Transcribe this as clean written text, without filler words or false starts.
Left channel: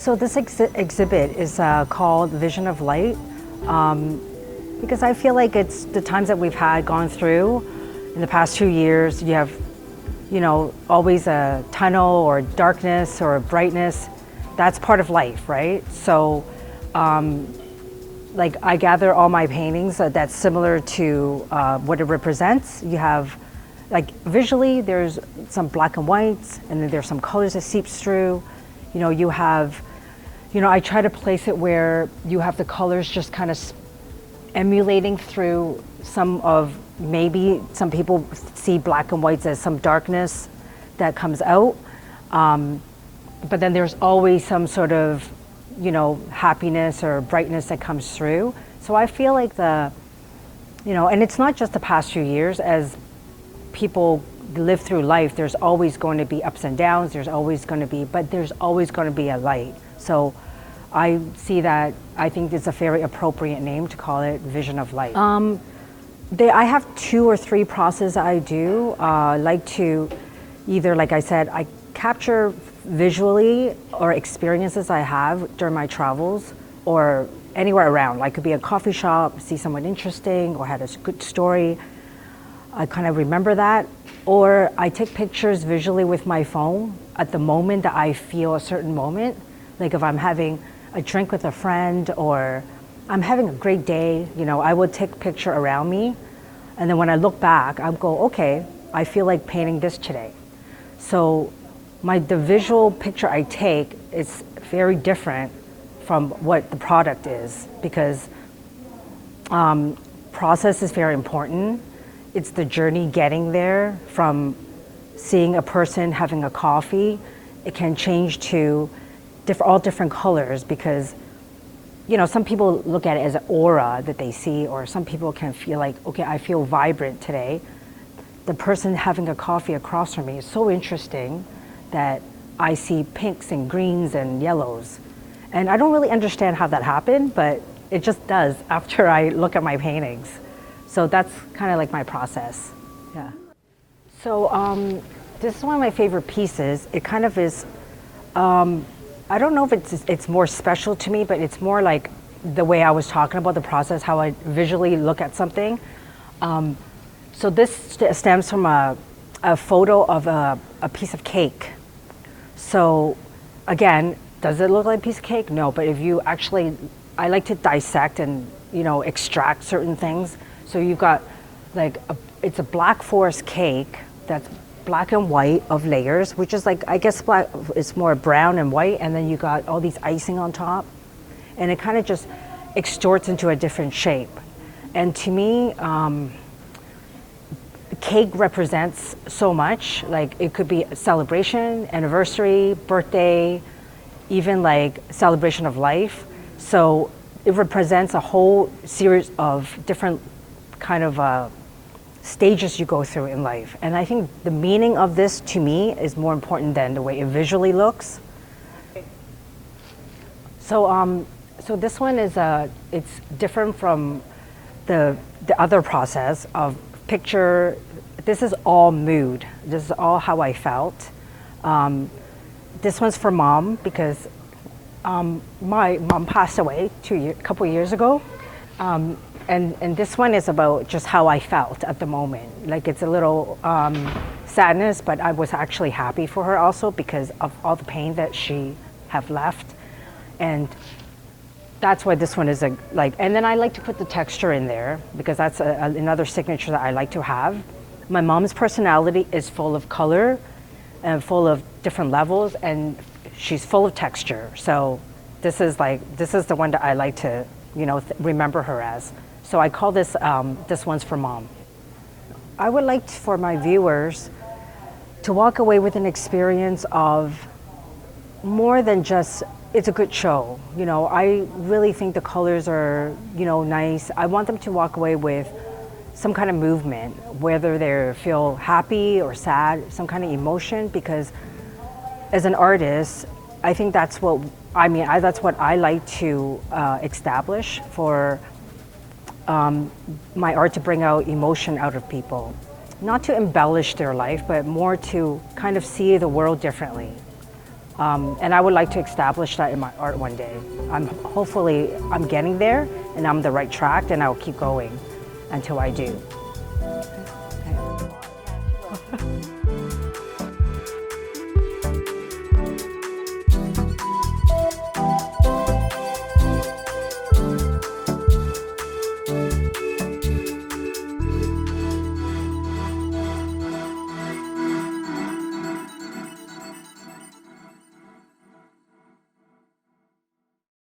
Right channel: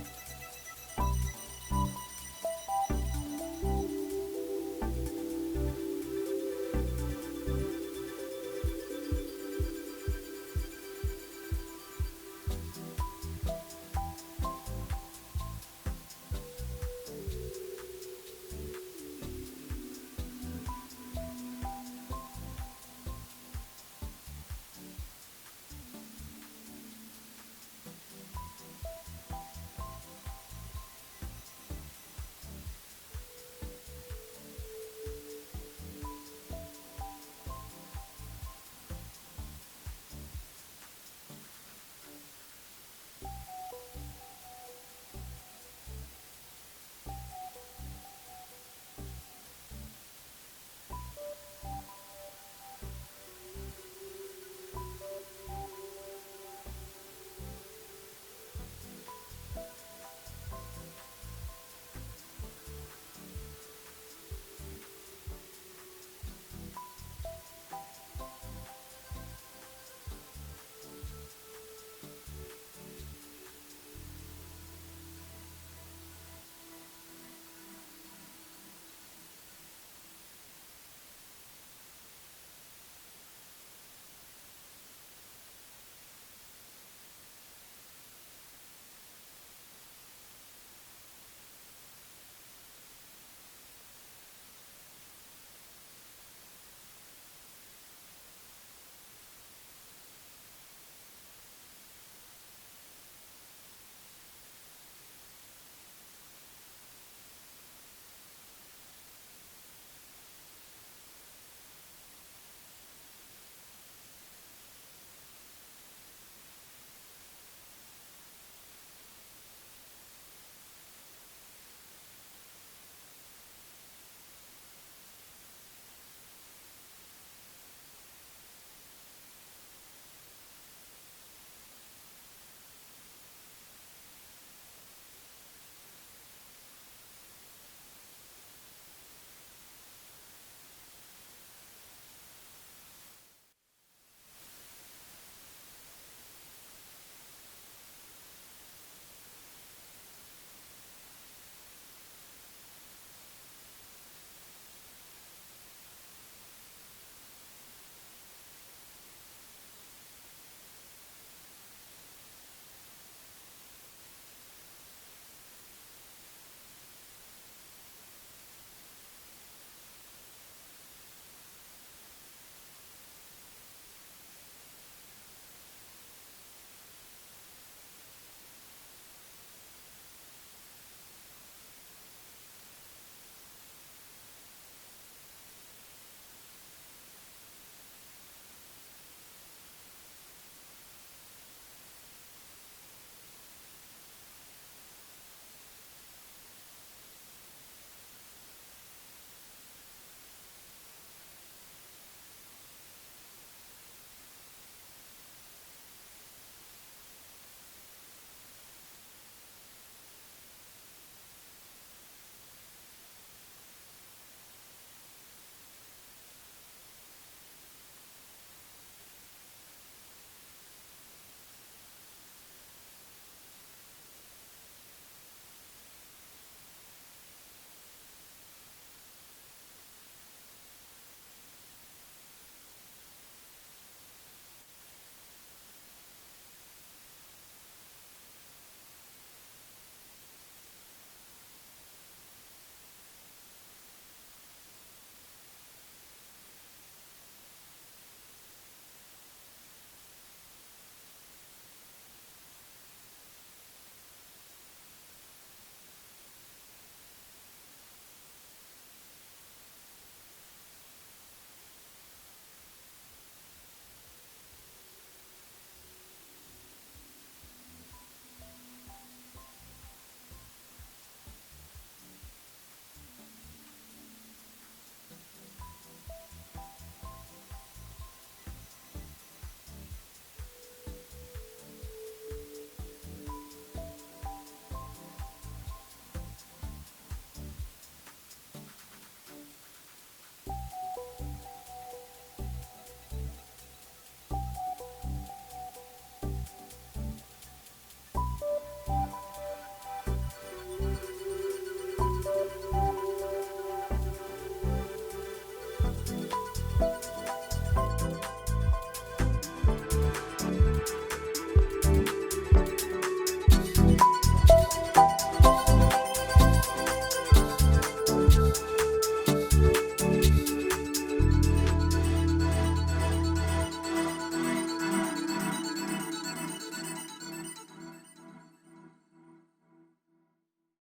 So this exhibit is called Vision of Light because I feel like it's the times that we've had gone through in the past 2 years. You have, always a tunnel or darkness or brightness. That's part of life, right? So, like I gather all my paintings that's similar to what it represents. You have, like visually, there's some black and whites, and then there's some colors that seeps through. You have, I try to place it where you have the colors just kind of emulating through maybe some people see black and whites as some darkness that comes out. But then there's always some sort of, happiness or brightness that comes through. So I feel like and it's not just the past few years. As people live through life, there's always going to be ups and downs, but there's always going to be a light. So I see that, I think it's a very appropriate name to call it Vision of Light. I have 2 or 3 processes I do. Like to either, like I said, I capture visually or experiences I have during my travels or anywhere around. Like, it could be a coffee shop, see someone interesting or had a good story. I kind of remember that. Or I take pictures visually with my phone at the moment that I feel a certain moment. Like if I'm having a drink with a friend or I'm having a great day, I would take a picture around me. And then when I look back, I'll go, okay, I feel like painting this today. So the visual picture I take is very different from what the product is, because process is very important. It's the journey getting there, from seeing a person having a coffee. It can change to all different colors because, some people look at it as an aura that they see, or some people can feel like, okay, I feel vibrant today. The person having a coffee across from me is so interesting that I see pinks and greens and yellows. And I don't really understand how that happened, but it just does after I look at my paintings. So that's kind of like my process, yeah. So this is one of my favorite pieces. It kind of is, I don't know if it's more special to me, but it's more like the way I was talking about the process, how I visually look at something. So this stems from a photo of a piece of cake. So again, does it look like a piece of cake? No, but if you actually, I like to dissect and extract certain things. So you've got it's a Black Forest cake that's black and white of layers, which is like, I guess black, it's more brown and white, and then you got all these icing on top, and it kind of just extorts into a different shape. And to me, cake represents so much. Like, it could be a celebration, anniversary, birthday, even like celebration of life. So it represents a whole series of different kind of stages you go through in life. And I think the meaning of this, to me, is more important than the way it visually looks. So, so this one is it's different from the other process of picture. This is all mood. This is all how I felt. This one's for Mom because my mom passed away a couple years ago. And this one is about just how I felt at the moment. Like, it's a little sadness, but I was actually happy for her also because of all the pain that she have left. And that's why this one is and then I like to put the texture in there because that's another signature that I like to have. My mom's personality is full of color and full of different levels, and she's full of texture. So this is the one that I like to, remember her as. So I call this one's for Mom. I would like for my viewers to walk away with an experience of more than just, it's a good show. I really think the colors are, nice. I want them to walk away with some kind of movement, whether they feel happy or sad, some kind of emotion, because as an artist, I think that's what I like to establish for my art, to bring out emotion out of people. Not to embellish their life, but more to kind of see the world differently. And I would like to establish that in my art one day. Hopefully I'm getting there and I'm on the right track, and I'll keep going until I do.